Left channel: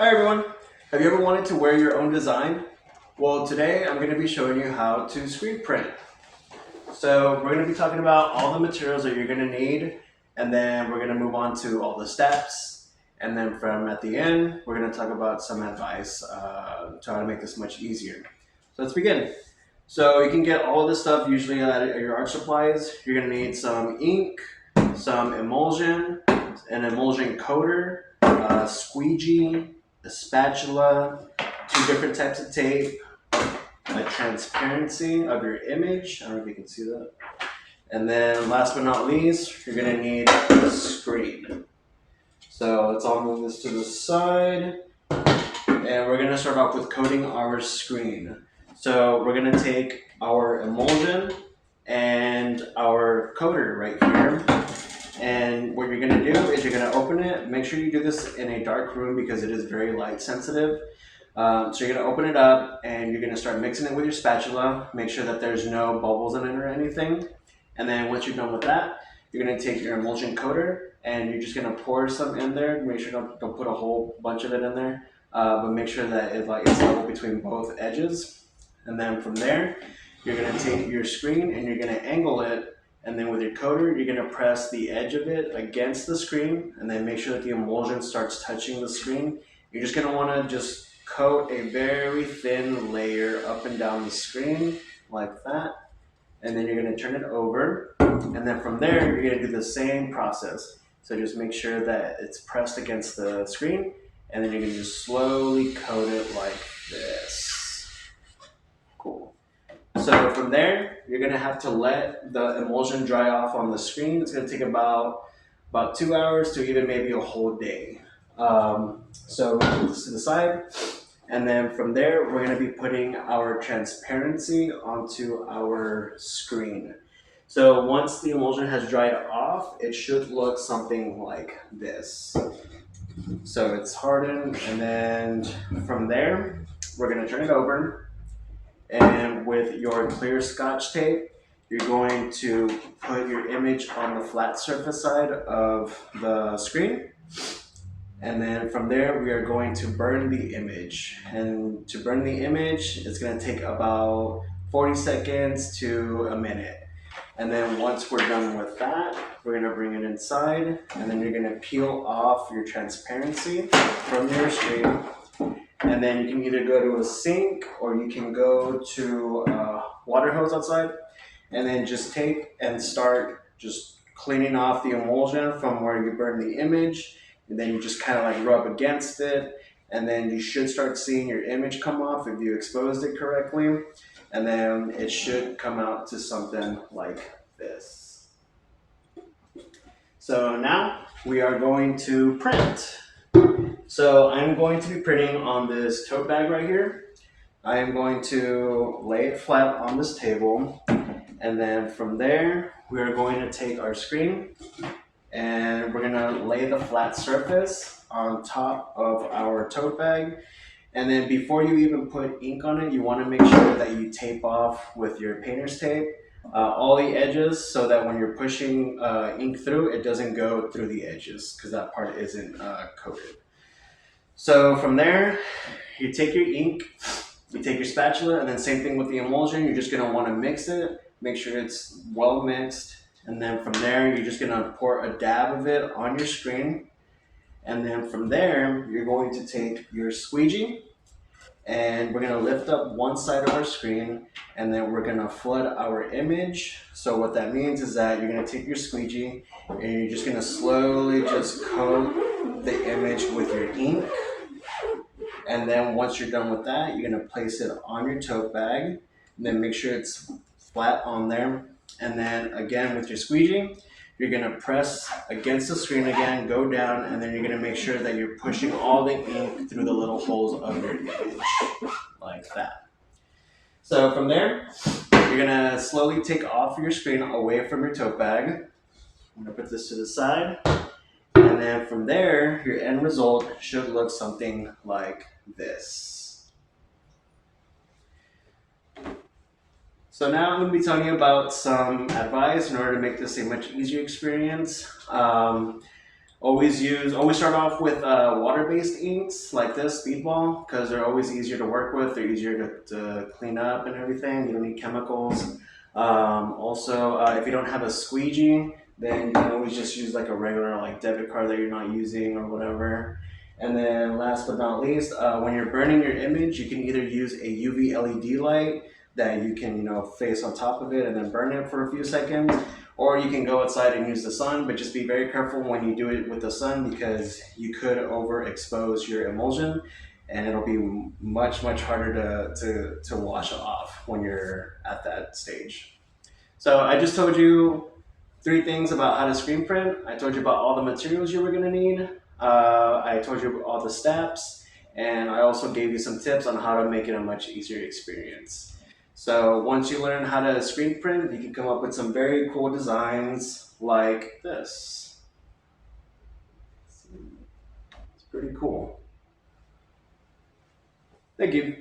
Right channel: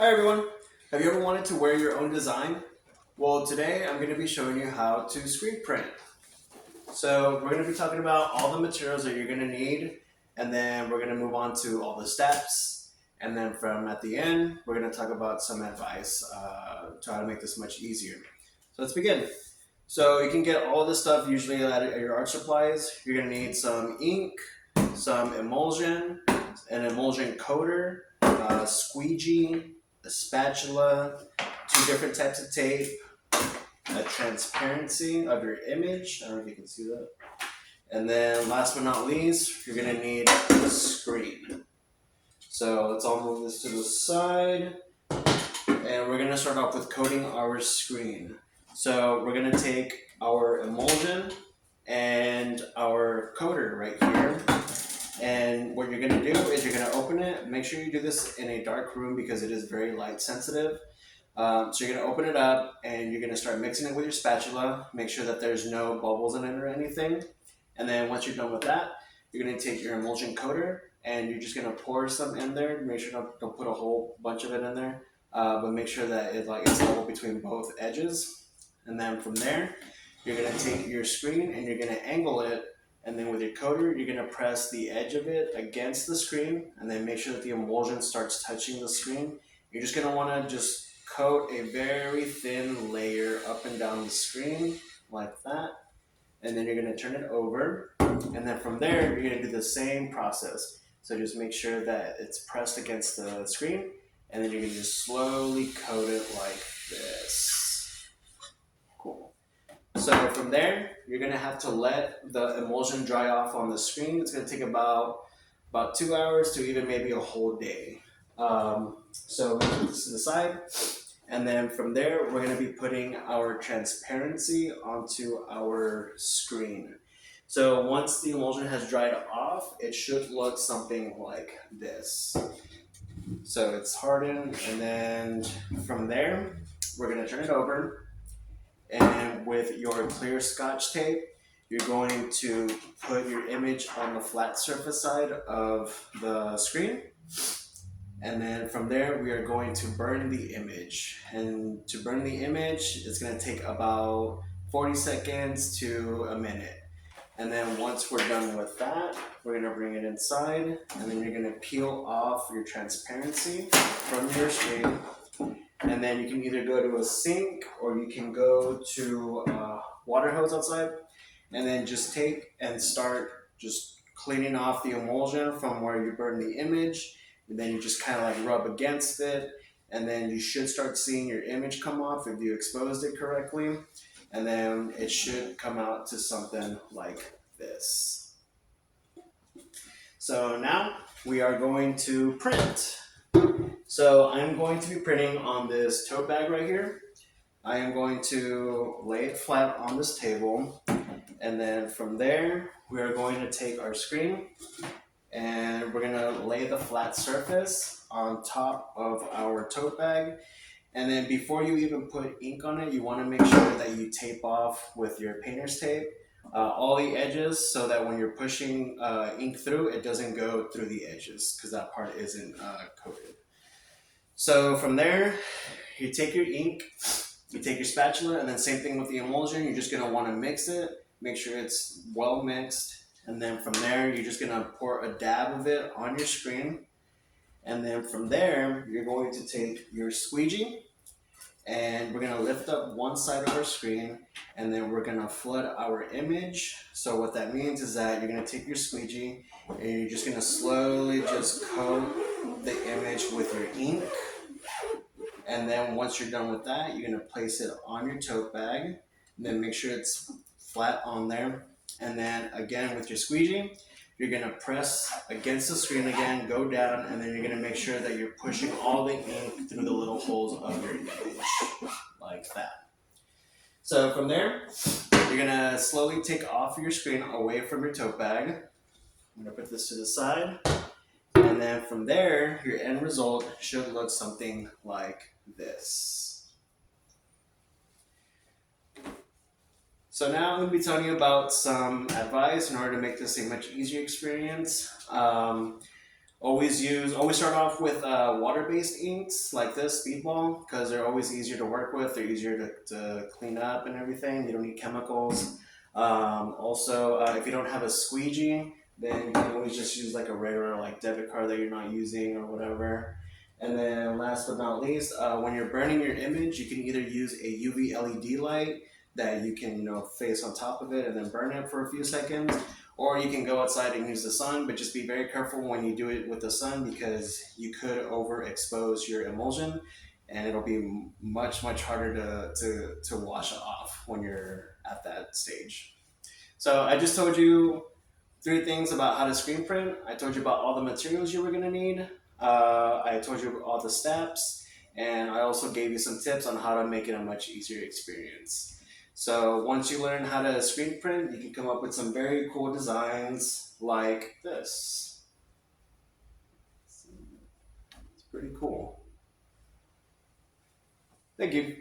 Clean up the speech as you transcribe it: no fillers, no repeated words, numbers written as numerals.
Hi everyone! Have you ever wanted to wear your own design? Well, today I'm going to be showing you how to screen print. So we're going to be talking about all the materials that you're going to need, and then we're going to move on to all the steps, and then from at the end, we're going to talk about some advice to how to make this much easier. So let's begin. So you can get all of this stuff usually at your art supplies. You're going to need some ink, some emulsion, an emulsion coater, a squeegee, a spatula, two different types of tape, a transparency of your image. I don't know if you can see that. And then last but not least, you're gonna need a screen. So let's all move this to the side. And we're gonna start off with coating our screen. So we're gonna take our emulsion and our coater right here. And what you're gonna do is you're gonna open it. Make sure you do this in a dark room because it is very light sensitive. So you're gonna open it up and you're gonna start mixing it with your spatula. Make sure that there's no bubbles in it or anything. And then once you're done with that, you're gonna take your emulsion coater and you're just gonna pour some in there. Make sure don't put a whole bunch of it in there, but make sure that it's level between both edges. And then from there, you're gonna take your screen and you're gonna angle it. And then with your coater, you're gonna press the edge of it against the screen and then make sure that the emulsion starts touching the screen. You're just gonna wanna just coat a very thin layer up and down the screen like that. And then you're gonna turn it over. And then from there, you're gonna do the same process. So just make sure that it's pressed against the screen. And then you're gonna just slowly coat it like this. Cool. So from there, you're gonna have to let the emulsion dry off on the screen. It's gonna take about 2 hours to even maybe a whole day. So we put this to the side. And then from there, we're gonna be putting our transparency onto our screen. So once the emulsion has dried off, it should look something like this. So it's hardened, and then from there, we're gonna turn it over. And with your clear Scotch tape, you're going to put your image on the flat surface side of the screen. And then from there, we are going to burn the image. And to burn the image, it's gonna take about 40 seconds to a minute. And then once we're done with that, we're gonna bring it inside, and then you're gonna peel off your transparency from your screen. And then you can either go to a sink or you can go to a water hose outside and then just take and start just cleaning off the emulsion from where you burned the image. And then you just kind of like rub against it, and then you should start seeing your image come off if you exposed it correctly. And then it should come out to something like this. So now we are going to print. So I'm going to be printing on this tote bag right here. I am going to lay it flat on this table, and then from there we are going to take our screen and we're gonna lay the flat surface on top of our tote bag. And then before you even put ink on it, you wanna make sure that you tape off with your painter's tape all the edges so that when you're pushing ink through, it doesn't go through the edges because that part isn't coated. So from there, you take your ink, you take your spatula, and then same thing with the emulsion. You're just gonna wanna mix it, make sure it's well mixed. And then from there, you're just gonna pour a dab of it on your screen. And then from there, you're going to take your squeegee and we're gonna lift up one side of our screen and then we're gonna flood our image. So what that means is that you're gonna take your squeegee and you're just gonna slowly just coat the image with your ink. And then once you're done with that, you're gonna place it on your tote bag and then make sure it's flat on there. And then again with your squeegee, you're gonna press against the screen again, go down, and then you're gonna make sure that you're pushing all the ink through the little holes of your image, like that. So from there, you're gonna slowly take off your screen away from your tote bag. I'm gonna put this to the side. And then from there, your end result should look something like this. So now I'm going to be telling you about some advice in order to make this a much easier experience. Always start off with water-based inks like this, speedball, because they're always easier to work with. They're easier to clean up and everything. You don't need chemicals. If you don't have a squeegee, then you can always just use like a regular like debit card that you're not using or whatever. And then last but not least, when you're burning your image, you can either use a UV LED light that you can face on top of it and then burn it for a few seconds, or you can go outside and use the sun, but just be very careful when you do it with the sun because you could overexpose your emulsion and it'll be much harder to wash off when you're at that stage. So I just told you three things about how to screen print. I told you about all the materials you were gonna need. I told you all the steps, and I also gave you some tips on how to make it a much easier experience. So once you learn how to screen print, you can come up with some very cool designs like this. It's pretty cool. Thank you.